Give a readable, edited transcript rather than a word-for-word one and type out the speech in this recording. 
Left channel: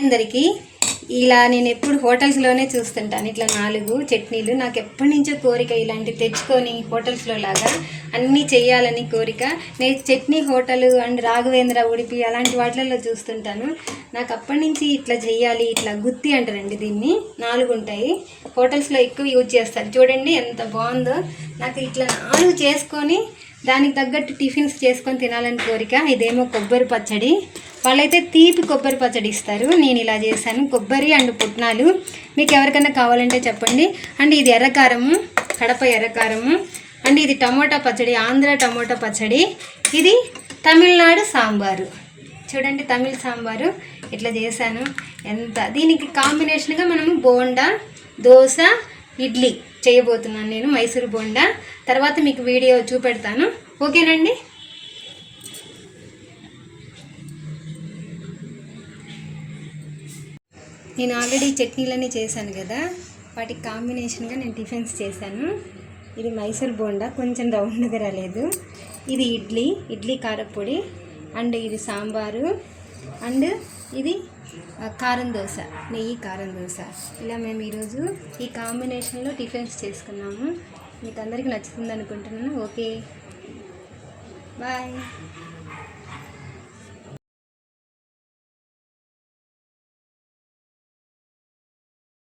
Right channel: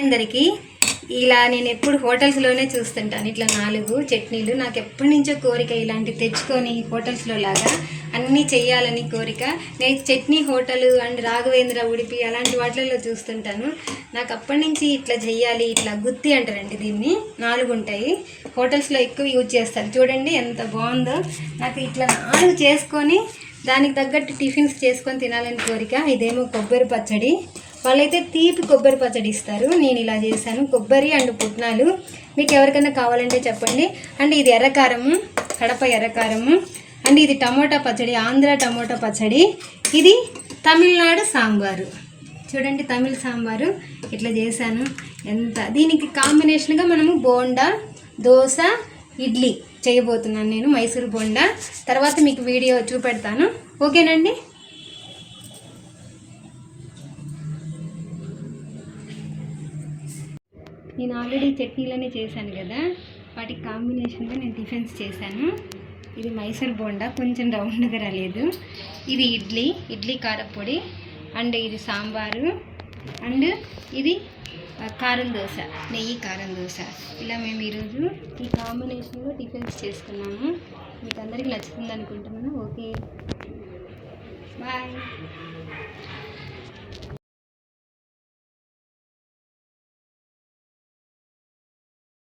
అందరికీ ఇలా నేను ఎప్పుడు హోటల్స్లోనే చూస్తుంటాను. ఇట్లా 4 చట్నీలు నాకు ఎప్పటి నుంచో కోరిక, ఇలాంటి తెచ్చుకొని హోటల్స్లో లాగా అన్నీ చేయాలని కోరిక. నేను చట్నీ హోటల్ అండ్ రాఘవేంద్ర, ఉడిపి అలాంటి వాటిల్లో చూస్తుంటాను. నాకు అప్పటి నుంచి ఇట్లా చేయాలి. ఇట్లా గుత్తి అంటారండి దీన్ని, 4 ఉంటాయి. హోటల్స్లో ఎక్కువ యూజ్ చేస్తారు. చూడండి ఎంత బాగుందో. నాకు ఇట్లా 4 చేసుకొని దానికి తగ్గట్టు టిఫిన్స్ చేసుకొని తినాలని కోరిక. ఇదేమో కొబ్బరి పచ్చడి, వాళ్ళైతే తీపి కొబ్బరి పచ్చడి ఇస్తారు. నేను ఇలా చేశాను, కొబ్బరి అండ్ పుట్నాలు. మీకు ఎవరికైనా కావాలంటే చెప్పండి. అండ్ ఇది ఎర్రకారము, కడప ఎర్రకారము. అండ్ ఇది టమోటా పచ్చడి, ఆంధ్ర టమోటా పచ్చడి. ఇది తమిళనాడు సాంబారు. చూడండి తమిళ సాంబారు ఇట్లా చేశాను. దీనికి కాంబినేషన్గా మనము బోండా, దోశ, ఇడ్లీ చేయబోతున్నాను నేను, మైసూర్ బోండా. తర్వాత మీకు వీడియో చూపెడతాను, ఓకేనండి. నేను ఆల్రెడీ చట్నీలన్నీ చేశాను కదా, వాటికి కాంబినేషన్గా నేను టిఫిన్స్ చేశాను. ఇది మైసూర్ బోండా, కొంచెం రౌండ్గా రాలేదు. ఇది ఇడ్లీ కారపొడి. అండ్ ఇది సాంబారు. అండ్ ఇది కారం దోశ, నెయ్యి కారం దోశ. ఇలా మేము ఈరోజు ఈ కాంబినేషన్లో టిఫిన్స్ చేసుకున్నాము. మీకు అందరికీ నచ్చుతుంది అనుకుంటున్నాను. Okay, bye.